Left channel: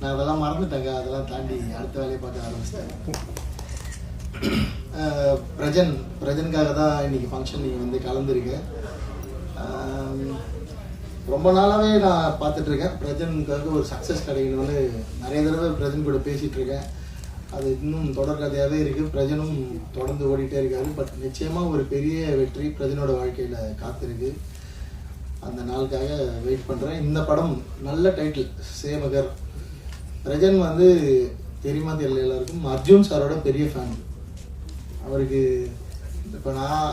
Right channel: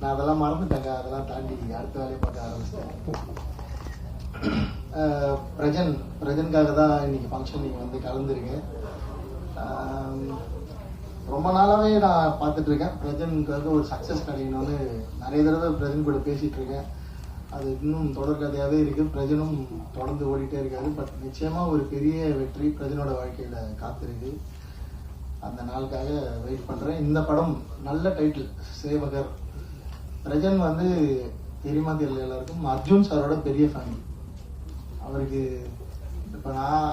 நான் அதெல்லாம் மறந்துட்டேங்க. அதெல்லாம் தாண்டி அடுத்த வேலையை பார்க்க ஆரம்பிச்சிட்டேன். பிரஜன் பிரஜனுக்காக தான் இன்னைக்கு ஃபங்க்ஷன் நீங்கள் வந்து கலந்துருக்கேன். ரொம்ப நாளாகவே நான் பார்த்துட்ருக்கேன் பிரஜனுக்காக ஒரு சக்ஸஸ் கிடைக்கணும்னு நிறைய தடவை பிரஜன் கூட பேசிகிட்ருக்கேன் அது இன்னும் தொடர்கதையாகவே இருக்குது பிரஜனும் தொடர்ந்து ஓடிட்டே இருக்காரு. பட் நிச்சயமாக ஒரு பெரிய வெற்றி பிரஜனோட வாழ்க்கையில் காத்திருக்கு. அந்த நாளுக்காக வெயிட் பண்ணுறேன் இந்த படம் நல்ல டைட்டில் சேவகர் பிரஜன் வந்து தெரியுமா தெரியல எல்லாருக்கும். அர்ஜுன் சாரோட பெரிய ஃபேன் அவருக்கு இப்போ நான்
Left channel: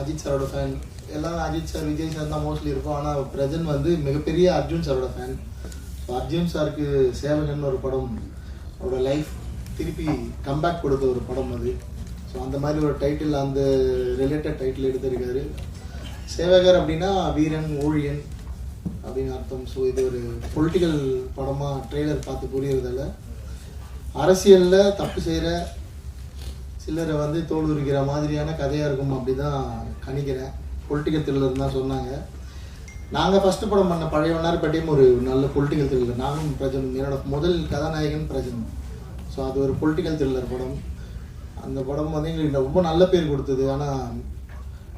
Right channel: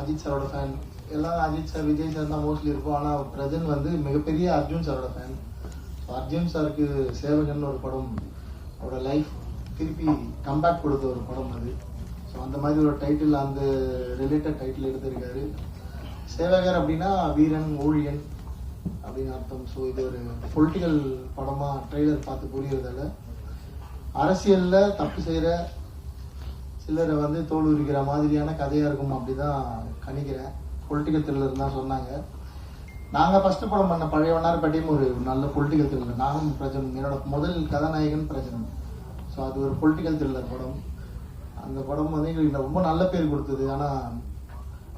அஜித் சாரோட ஃபேன் எல்லாம் அஜித் சார் விஜய் சார் தான் மோஸ்ட்லி இருக்கும். ஆனால் பிரஜன் வந்து மிகப்பெரிய அர்ஜுன் சாரோட ஃபேன் அர்ஜுன் சாருக்கு சேவகன் ஒரு படம் அவரோட லைஃப் திருப்பி கம்பேக் கொடுத்த ஒரு படம் அது. ஸோ அந்த மாதிரி ஒரு டைட்டில் அந்த ரிலேட்டட் டைட்டில் எடுத்திருக்காரு. சேவகர் அப்படின்னா வீரன் ஊழியன் அப்படின்னு அர்த்தம். ஸோ இது ஒரு பொலிட்டிக்கல் படமாக ட்ரெய்லர் பார்த்து புரியறதில்ல அரசியலில் தப்பு செய்கிற சிலரை வந்து தோல் உரிக்கிற மாதிரியான கதையாக இருக்கும் அப்படி தான் கணிக்கிறேன் பொலிட்டிக்கல் த்ரில்லர் தான் சொன்னாங்க. நாங்கள் ஃபஸ்ட்டு படம் பண்ண பழையவனார் பட்டியும் ஒரு நல்ல பொலிட்டிக்கல் த்ரில்லர் நானும் பிரஜன் என்னோட முதல் கதாநாயகன் பிரஜன். ஸோ அது ஒரு பொலிட்டிக்கல் த்ரில்லர் படம். அந்த படம் வந்து எங்களுக்கு ரொம்ப நல்ல பேர் கொடுத்தது. ஆனால்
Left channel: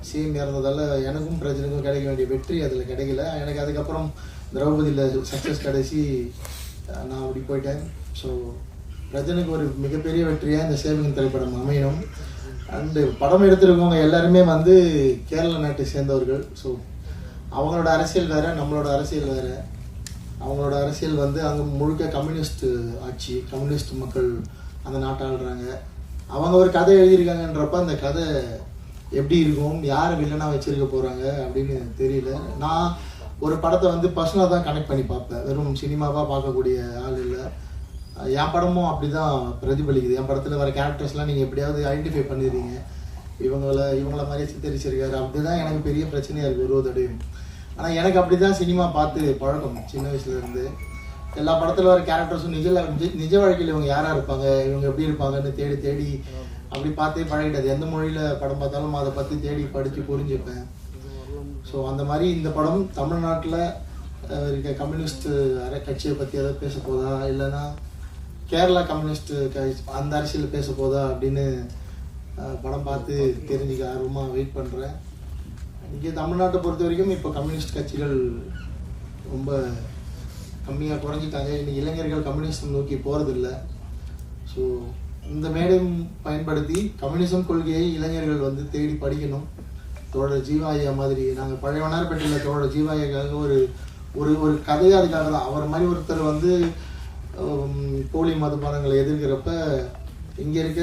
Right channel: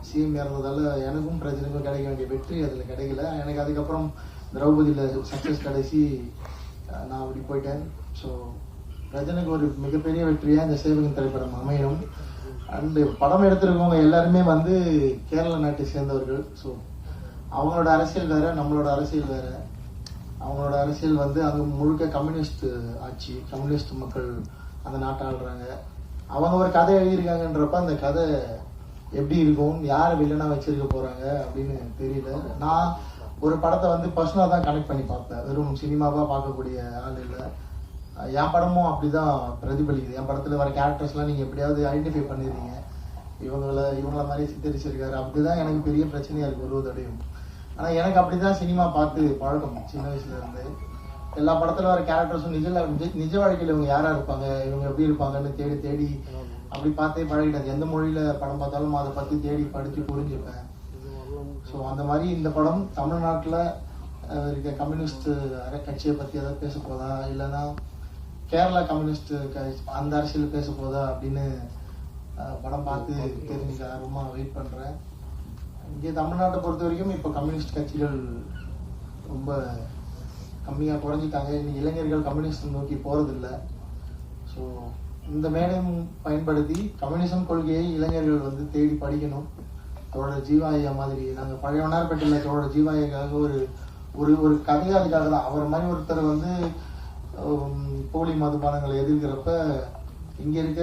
சிஎம் இறந்ததால் எனக்கும் பிரஜனுக்கும் கிடைக்க வேண்டிய வெற்றி அதில் கிடைக்கல. எனக்கு அதுக்கப்புறம் திரௌபதியில் சக்ஸஸ் கடைசி நான் அப்படி போயிட்டேன். ஸோ பிரஜனுக்கு ஒரு மிகப்பெரிய வெற்றியாக இந்த சேவிங் திரைப்படம் அமையும் அண்டு படம் எடுத்திருக்கவங்க எல்லாருமே வந்து கேரள நாட்டை சேர்ந்தவர்கள். ஸோ அவங்களோட அரசியல் வேறு நம்மளோட அரசியல் வேறு. அவங்களோட அரசியல் வந்து அங்கே முழுக்க கம்யூனிஸ்ட் ஆட்சி கம்யூனிஸ்ட் மக்கள் அந்த நாட்டை ஆளுறாங்க அவங்க ஒரு கதை எழுதியிருக்காங்கன்றப்ப அந்த கதை எப்படி இருக்கும் யார் வில்லனாக வச்சிருக்க போகிறாங்க அப்படின்னு தெரியல. நான் ஒரு படத்தை வந்து பர்சனலாக தான் கனெக்ட் பண்ணி பார்ப்பேன். வெறும் சினிமாவாக பார்க்கக்கூடிய ஆள் இல்லை. என் படமும் அப்படி தான் பிரதிபலிக்குது. என் படத்தில் வர கேரக்டர்ஸ்லாம் நீங்கள் எப்படியாவது ஐடென்டிஃபை பண்ணிடுறீங்க. இவங்கள இவங்கள மாதிரியே சித்தரிச்சிருக்காரு. அப்படிதான் எனக்கு பெரிய பிரச்சனையாக இருக்குது ஒரு தடையும் ஆனால் எனக்கு அப்படி தான் சினிமா பார்த்து பழக்கம் சின்ன வயசுலேருந்து எல்லா படத்தில் வர கேரக்டர்ஸும் நிஜ நிஜ- நிஜ வாழ்க்கையில் இவங்க யாராக இருப்பாங்க? இவங்க எப்படி இருப்பாங்கன்னு தேடி தேடி அப்படி பார்த்தே பழகிட்டது எந்த மொழியில் படம் பார்த்தாலும் அதை பற்றி தேடி படித்து புரிஞ்சுப்பேன். ஸோ அந்த மாதிரி இந்த படம் தமிழ்நாட்டில் இருக்க கம்யூனிஸ்ட் அரை கட்சியை பற்றி எதாவது பேச போதா? இல்லைன்னா கேரளா கம்யூனிஸ்ட் க- அந்த அரசியல் பேச போதா அப்படின்னு படம் பார்த்து தெரிஞ்சுக்க ஆர்வமாக வெயிட் பண்ணுறேன் இங்கே தமிழ்நாட்டை பொறுத்த வரைக்கும் இப்போ கம்யூனிஸ்ட் கட்சிகள் ரொம்ப கம்மியாக குறைஞ்சிட்டாங்க. இன்னைக்கு இளைஞர்கள் கம்யூனிஸ்ட் நோக்கி போகிறதில்ல ஸோ இந்த மேடம் பயன்படுத்தி கம்யூனிசம் கொள்கையை இளைஞர்கள் வந்து தேடி படிக்கணும். தோழர் ஜீவாயா மாதிரி நாங்கள் பழையவனார்பேட்டையில் தோழர் ஜீவாயாக்காக ஒரு ஒரு ஒரு கதையாக அதுக்காக தான். அவர் மாதிரி ஒருத்தர் வந்து போலி மதுபானங்களை எதிர்க்கிறப்ப இங்கே இருக்க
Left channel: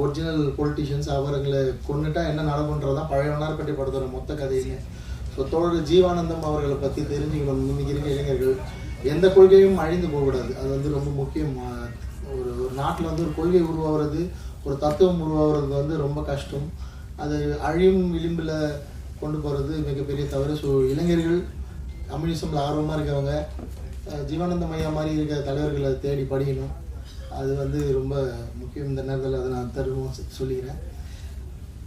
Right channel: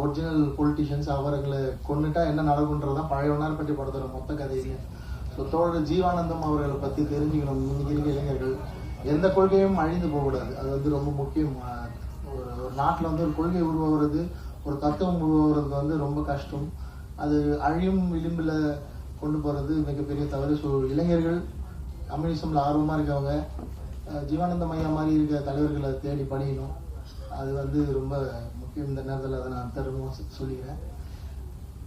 ஒரிஜினல் பொலிட்டிஷியன்ஸ் அவர்களை கொண்டுட்டா என்ன நடக்குன்றதான் பழையவனார்பேட்டை படத்தோட மொத்த கதையில ஸோ தோழர் ஜீவானந்தம் அவர்களை பற்றி தெரிஞ்சுக்கணும். இன்னைக்கு இருக்க இளைஞர்கள் எந்த கொள்கையும் அழிந்து போகக்கூடாது. அது வந்து ரொம்ப முக்கியம் ஒரு ஒரு நாட்டில் வந்து ஒரு கொள்கை உருவாகிறது ஒரு தத்துவம் உருவாகிறது வந்து ரொம்ப கஷ்டம். அது அழியும் விளிம்பில் கொண்டு போகிறது மிகப்பெரிய தவறு. ஸோ இளைஞர்கள் கம்யூனிசமில் ஆர்வமாக இருக்கவங்க ஜீவானந்த மையா மாதிரி இருக்க தலைவர்களை தேடி படிக்கணும். அது வந்து ரொம்ப முக்கியம். இந்த நேரத்தில் அதை நான் தருணமாக சொல்லிக்கிறேன்.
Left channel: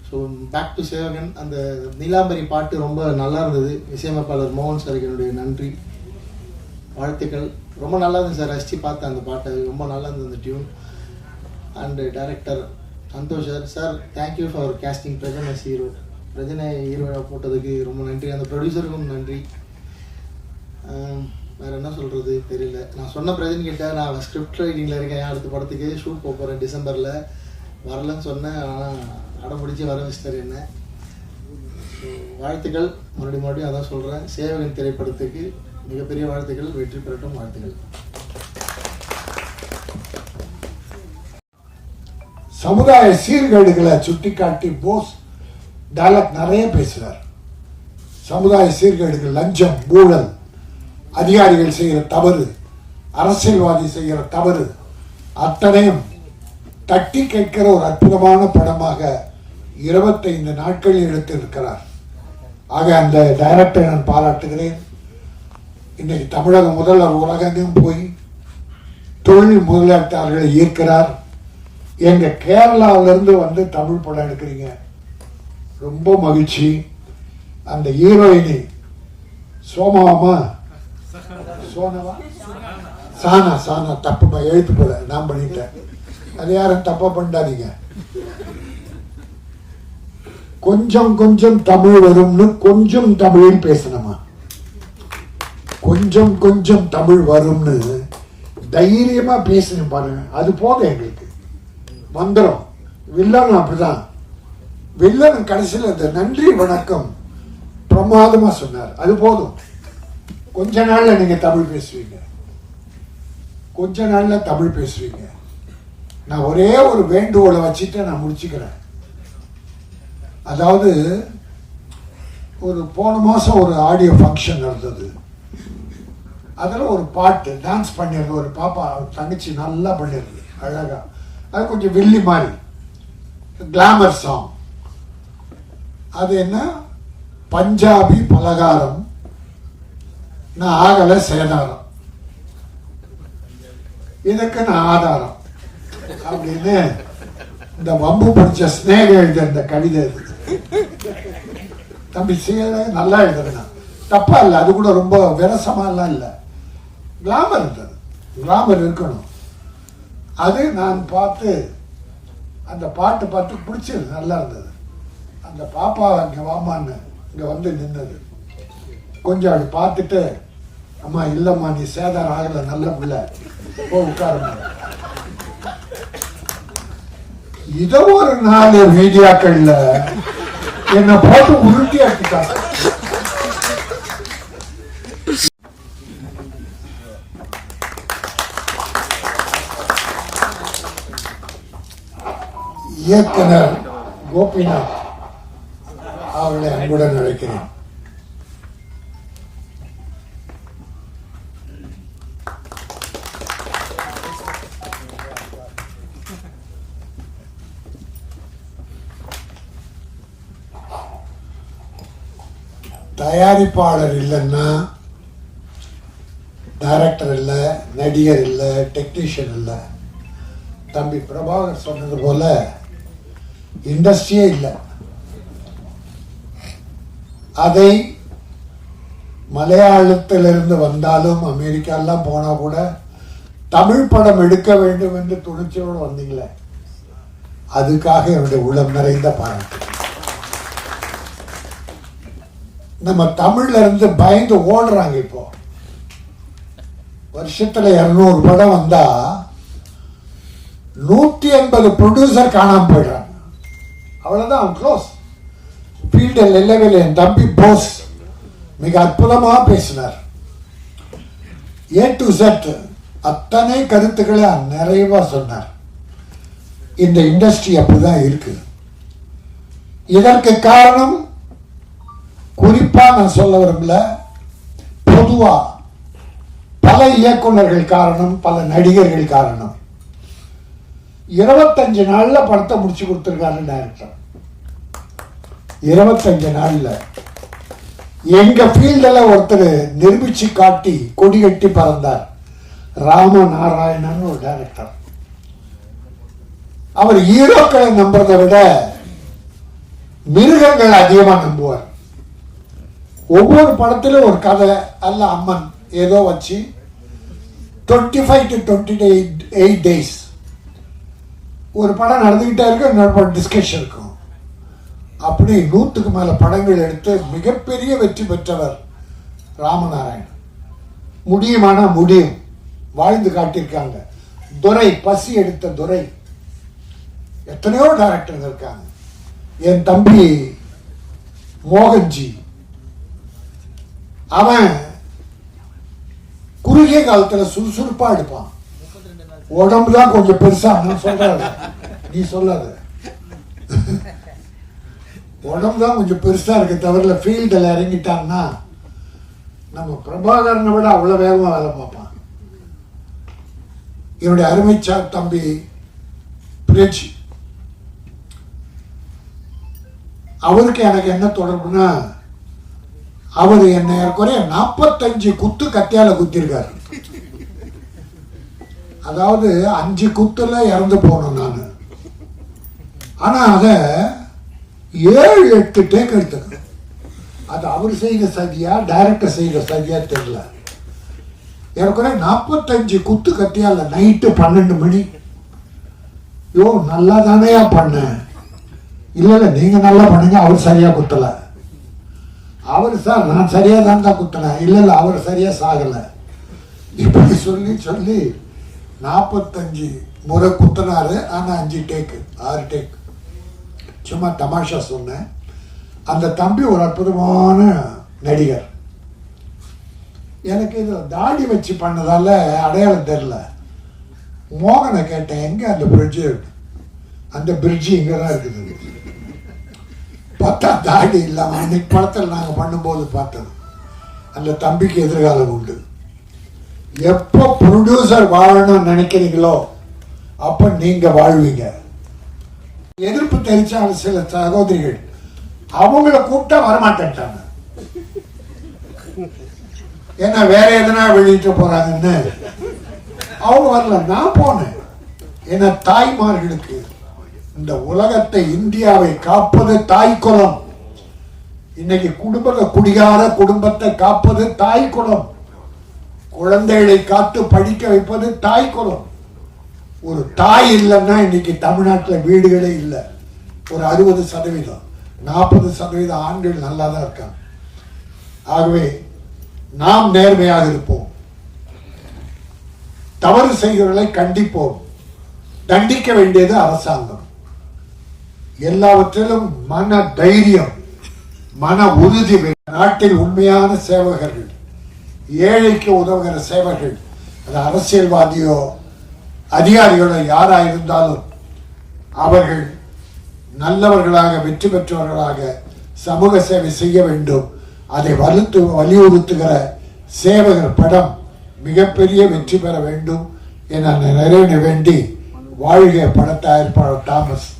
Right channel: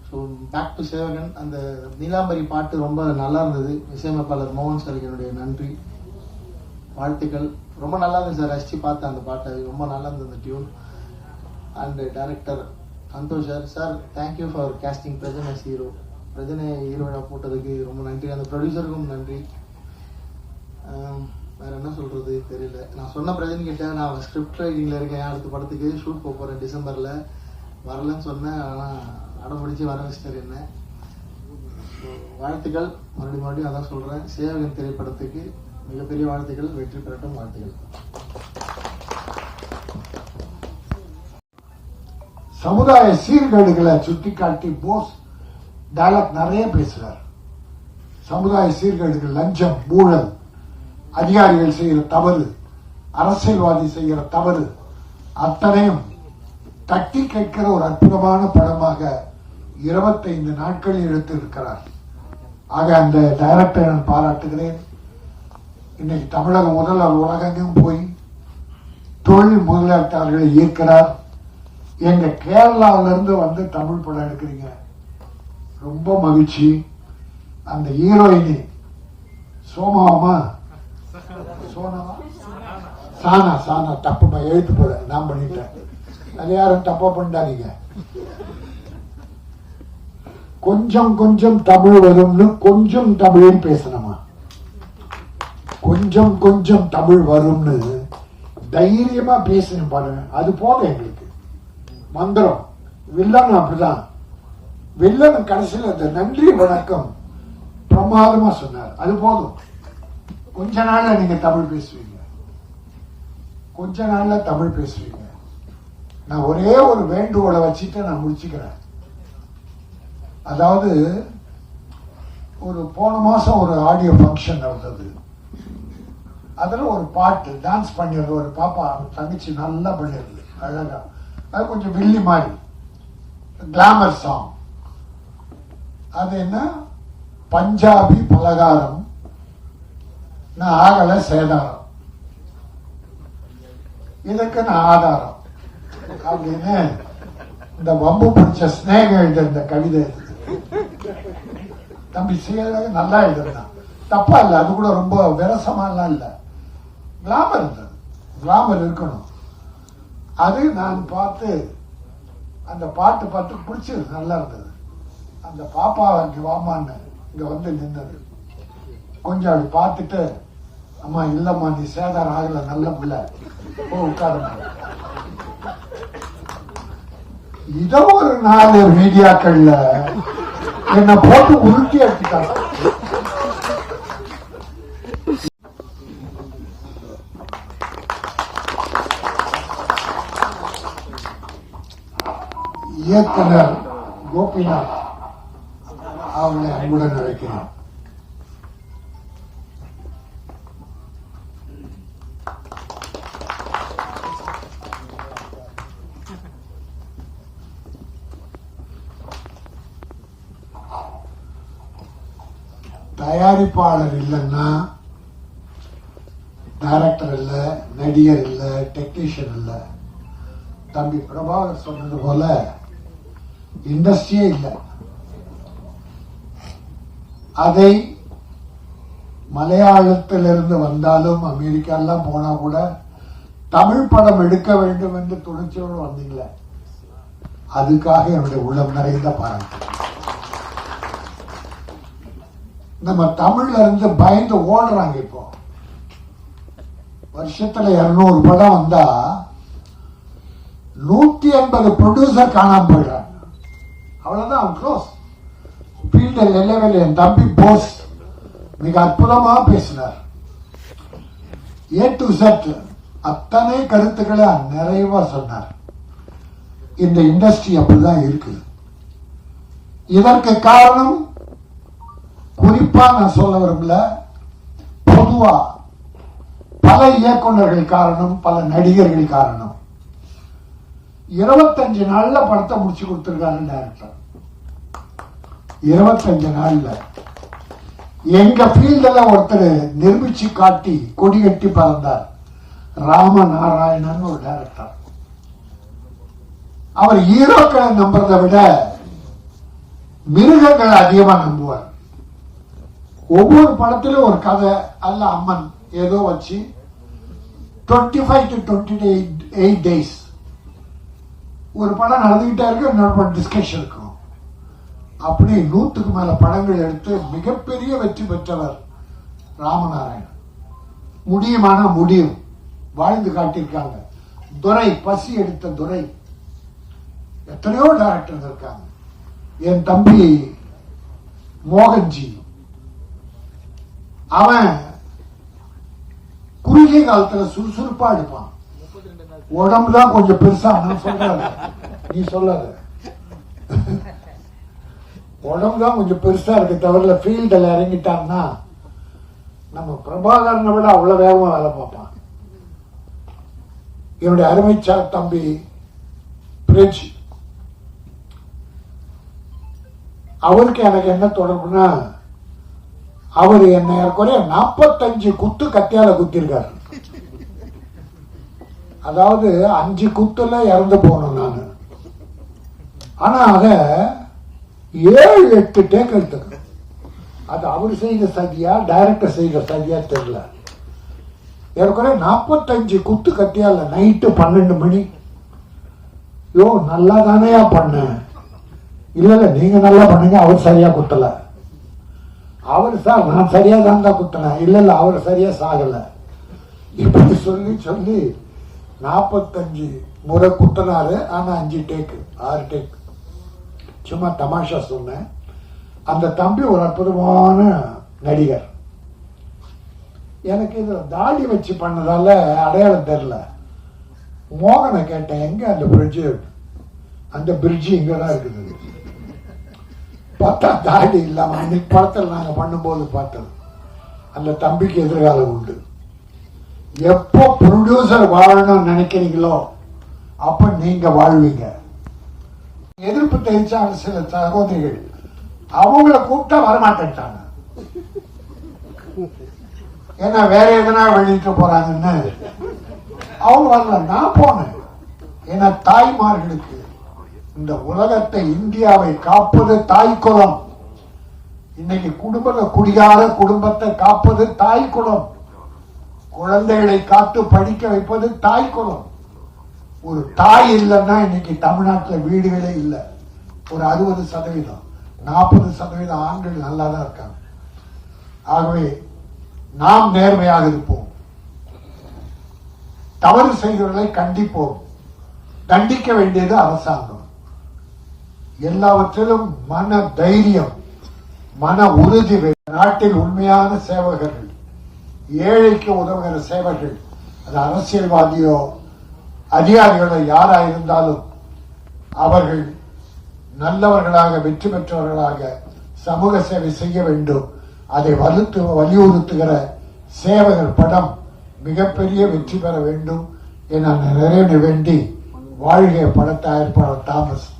ஸோ பேக் டு சேவகன். அந்த நீலாம்பரி பாட்டு ரொம்ப நல்லா இருந்தது. இசையமைப்பாளர் மோகன் சாருக்கு என்னுடைய நன்றி. வாழ்த்துக்கள். ரொம்ப நல்லா இருந்துச்சு. சார் ரசித்து பார்த்தேன் அந்த பாட்டை. ரொம்ப நல்லா இருந்தது அந்த tune and director Santhosh sir. Sir thank you for casting பிரஜனை hero. பிரஜனை ஹீரோயினாக போட்டதுக்கு ரொம்ப நன்றி. அந்த ப்ரொடியூசருக்கும் நன்றி. வேற என்ன சொல்கிறது தெரியல. நான் சொன்ன பிரஜன் கிட்ட நான் ஸ்கிரிப்ட் ரைட்டிங்கில் இருக்கேன். அடுத்த படத்துக்கு ஷூட் போக போகிறேன் டிசம்பரில். வரலன்னு சொன்னேன். ஆனால் அடம் பிடிச்சி வர வச்சிட்டார் என்ன. வாழ்த்துக்கள். மறுபடியும் மறுபடியும் அதான் சொல்கிறேன் சேவகன் திரைப்படத்துக்கு மிகப்பெரிய வாழ்த்துக்கள் வெற்றி பெறட்டும் வாழ்த்துக்கள் சமுதாய சீர்கேடுகளை சுட்டிக்காட்டி போஸ் டைலாக் நிறைய பேசுறார். சமுதாய சீர்கேடுகள் லஞ்சம் ஊழல் அதிகாரிகள் செய்கிற தவறு அரசியல்வாதி செய்கிற தவறு அத்தனையும் தட்டி கேட்கிற ஒரு அற்புதமான படமாக இருபத்தைந்து நாட்களில் எடுத்திருக்கிறார். ஆக அந்த டைரக்டரை நான் பாராட்டுகிறேன். இன்றைக்கு தமிழக முதல்வர் உலகெங்கும் போய் தொழில் முதலீட்டாளர்களை ஈர்க்கிறார். எங்க கேரளாவிலிருந்து வந்து தமிழ் படம் எடுக்கிறீங்க. ரொம்ப மகிழ்ச்சி. அந்த ஹீரோயினி சோமாமா சோனமா சானா சானா தப்பு எழுத்து போல நான் பண்ணிட்டேன். அது யாரும் தப்பா பண்ணிட்டாதீங்க கொஞ்சம் கொஞ்சம் தமிழ் வரும்னு கொஞ்சம் தமிழில் பேசணும். கொஞ்சம் கொஞ்சம் தமிழ் வரும்னு தைரியமா பேசணும் பாருங்க. அது போதும் எங்களுக்கு. மந்திரம். வில்லன் அப்படிதான். வில்லன் கடைசியில் அந்த நன்றி வணக்கம் பிரமாதமா சொன்னார். அது போதும். கொஞ்ச நாளில் நீங்கள் தமிழ் பேசுவீங்க. கொஞ்ச நாளில் தமிழ் பேசுவீங்க. நான் ஒரே ஒரு வேண்டுகோளை வச்சுட்டு நான் முடிச்சுக்கிறேன். அதாவது ஒரு போன மாதம் ஒரு ஆடியோ ஃபங்க்ஷன் நடந்தது. அதில் ஒரு பாட்டு டான்ஸ் பண்ணியிருந்த ஒரு பாப்பா தங்கச்சி நல்லா பண்ணியிருந்து அழகா. அது கொஞ்சம் வில்லி மாதிரி. கிளாமர் சாங் அது என்ன? பஞ்சாபி பலகாரம். நான் ஆகலை சேதாரம். இதுக்கு நான் ஆதாரம். அப்படின்னு இந்த வம்பு பிடிச்ச ஸ்னேகம் எழுத இந்த கவிதை தம்பி சேர நல்லா எழுதுறேன் தப்பா இல்லை அது கூட ரொம்ப விரசமாலாம் இல்லை. கிளாமர் இருந்தது. கிளாமர் இருக்கணும். அது நான் பார்த்து அந்த பாட்டு பார்த்து பிடிச்சது நல்லா இருந்தது. அந்த பாப்பா இங்கே வாமான்னு இங்கே வந்து நின்னது கொஞ்சம் அப்படி பார்த்துட்டு அம்மா இல்லைம்மா நீ சேதாரம் ஆகலை நல்ல பிள்ளை. போ உட்காருங்க இதை ஒரு நாலு மீடியாக்கள்ல என்னை போட்டு உருட்டி ஆக்கிட்டாங்க இயக்குனர் கோபிநாத் அவர்களை அன்புடன் அழைக்கிறேன். தயாரிப்பாளர் இல்லைன்னா டைரக்டர் இல்லை நடிகர் இல்லை டெக்னீஷியன் இல்லை. தம்பி பிரபாகர் சொன்னது போல இண்டஸ்ட்ரியே இல்லை. அதை மலையாளத்திலிருந்து வந்தாலும் அமெரிக்காலாம் போனா கூட தமிழ் படம் எடுக்க வேண்டும் என்று துணிச்சோடு வந்தீங்களே. அதுக்காக என்னுடைய உளம் நிறைந்த பாராட்டு. நம்ம தமிழ்ல இருந்து பயந்து ஓடுறாங்க இப்போ. வருஷத்துல இருநூறு படம் வந்தா நூத்தி எண்பது ப்ரொடியூசர் காணாம போயிடுறாங்க. அவ்வளோதான் அவன் க்ளோஸ் ஃபீல்டில் இல்லவே என் தம்பி போஸ் மிக அற்புதமாக பேசினார். ஏ டு செட் அத்தனை கருத்துக்களை நிறைவாக சொன்னார். இந்த இண்டஸ்ட்ரி அப்படிதான் இருக்கு. இதற்கு காரணம் குறிப்பாக நான் சொல்ல விரும்பல பொதுவாக பல இயக்குனர்கள் காரணம் பல நடிகர்கள் காரணம். இருபத்தஞ்சு நாள்ல படத்தை முடிச்சு கொடுத்துருக்காரு டேரக்டர் இருபத்தஞ்சு நாள்ல. எங்க ஃபீல்டில் ஒருத்தர் நிரூபிச்சு காட்டி கொடி கட்டி பறந்தார். ராம நாராயணன் ஒரு டேரக்டர் அவர் ஹீரோக்களை நம்புறதை விட மிருகங்கள் அதிகமாக நம்புவார். ஒவ்வொரு படத்திலும் ஒரு கதை அல்ல அம்மன் ஏதோ வச்சு twenty five to twenty eight eight days ஒரு படம் நடந்துக்கிட்டே இருக்கும் இன்னொரு படம் டிஸ்கஷன் இருக்கும் அப்படி நூற்றுக்கு மேலே படங்கள் எடுத்து மிகப்பெரிய வெற்றி பெற்றவர் ராமநாராயணன். முடியுமானா முடியும். வாழ்ந்து காட்டியிருக்காங்க. துரை பசி எடுத்த துரை. எத்தனையோ டைரக்டர் இருக்காங்க. என் தம்பி மோகன்ஜி. அவன் குறுகிய காலத்தில் சுறுசுறுப்பாக எடுப்பான். உடம்பு தான் கொஞ்சம் பெருசா நான் சொல்றாரு நீ சொல்லாத. உடம்பு தான் கொஞ்சம் பெருசா இருக்க தவிர ஃபீல்டில் இறங்கிட்டான்னா நம்ம பிரபாகரனை விட அவ்வளோ வேகமாக வேலை பார்ப்பான். என்னுடைய அருமைச்சா தம்பி பிரிட்ஜ் அவருக்கு எனக்கு என்ன தொடர்புனா அவர் என்ன குறைய நாற்பத்தஞ்சு குத்து கத்தியால குத்திருக்காரு. அதாவது அஞ்சு குத்துல இறந்து போனோம் நான். ஆனால் அதை ஏழு எட்டு டேக் எடுத்துக்கணும் அது அவர் செய்த சதியா டைரக்டர் செய்த சதியா தெரியல. ஏற்கனவே நாற்பத்தஞ்சு குத்து கத்தியால நைட்டு பன்னெண்டு மணி. யோ நல்லா தானேயா பண்ண. இல்லை இல்லை நீங்கள் நல்லா பண்ணுங்க அவர் சரியாக குத்தலை. அவர் சார் நான் சரியாக தான் தான் குத்தினேன். இல்லை இல்லை அவர் சரியாக சாகலை. இப்படி சொல்லி சொல்லி நாற்பத்தஞ்சு முறை குத்தினாரு ஆனால் அஞ்சு டேக்கு ஆறு டேக் சும்மா தமாஷா சொன்னேன். அந்த தம்பி ஒரு அற்புதமான நடிகர். எனக்கு இது தாடி வச்சு பண்ணதால அடையாளம் தெரில மோகனை கேட்டேன் எங்கே அந்த பிரிட்ஜு அந்த பிரிட்ஜு இங்கே தான் இருக்குது. பார்த்தா தாடி இல்லாமல் அன்னைக்கு படத்தில் நாங்கள் பண்ணும்போது பார்த்தது. அந்த தம்பிக்கு எதிர்காலம் உண்டு. எப்போ ப்ரொடியூசர் வாழணும்னு நினைக்கிறீங்களோ அப்ப நீங்க வாழ்வீங்க. எதிர்ப்பு தெரிவிச்சாங்க சில சகோதரிகள் அவங்கள கூப்பிட்டா வரமாட்டேன்ட்டாங்க. ஏன்னா வேற எதனா வெளியிட்டு போறாங்கன்னு. அவங்க வரல நான் போனேன். ஏன்னா தாய்மார்களுக்கு இந்த உலகத்தை இந்தியாவை காப்பது தாய் குலம் இன்னைக்கு குடும்பத்தை குடிகார குடும்பத்தை காப்பது தாய் குலம் குழந்தைகளை காத்து படிக்க வைப்பது தாய் குலம். ஒரு தாய் இல்லைன்னா இன்னைக்கு தமிழ்நாட்டில் வீடுகளே இல்லை. ஒரு அறுபது சதவீதம் நாற்பது சதவீதம் ஆண்கள் நல்லா தான் இருக்காங்க. ஆகவே நாம் நேர்மையாக இருப்போம். தவறு செய்கிறவர்களை கண்டிப்போம். தண்டிக்க வேண்டியது அரசாங்கம். எல்லாவற்றிலும் மன தைரியம் மன உறுதி நாட்டில் உண்மையான சேவகர்கள். ஏழைக்கு உதவுகிற சேவைகள் அது அரசியல்வாதியோ அதிகாரிகளோ யாராக இருந்தாலும் அவர்கள் நல்லவர்களாக வெற்றி பெற்றவர்களாக சமூக சேவை செய்ய வேண்டும். அதை வலுத்து வலியுறுத்துகிற சேவகர் படம் மிகப்பெரிய வெற்றி பெற வேண்டும் என நிறைவு வேண்டி வாழ்க பட தயாரிப்பாளர் தாமஸ்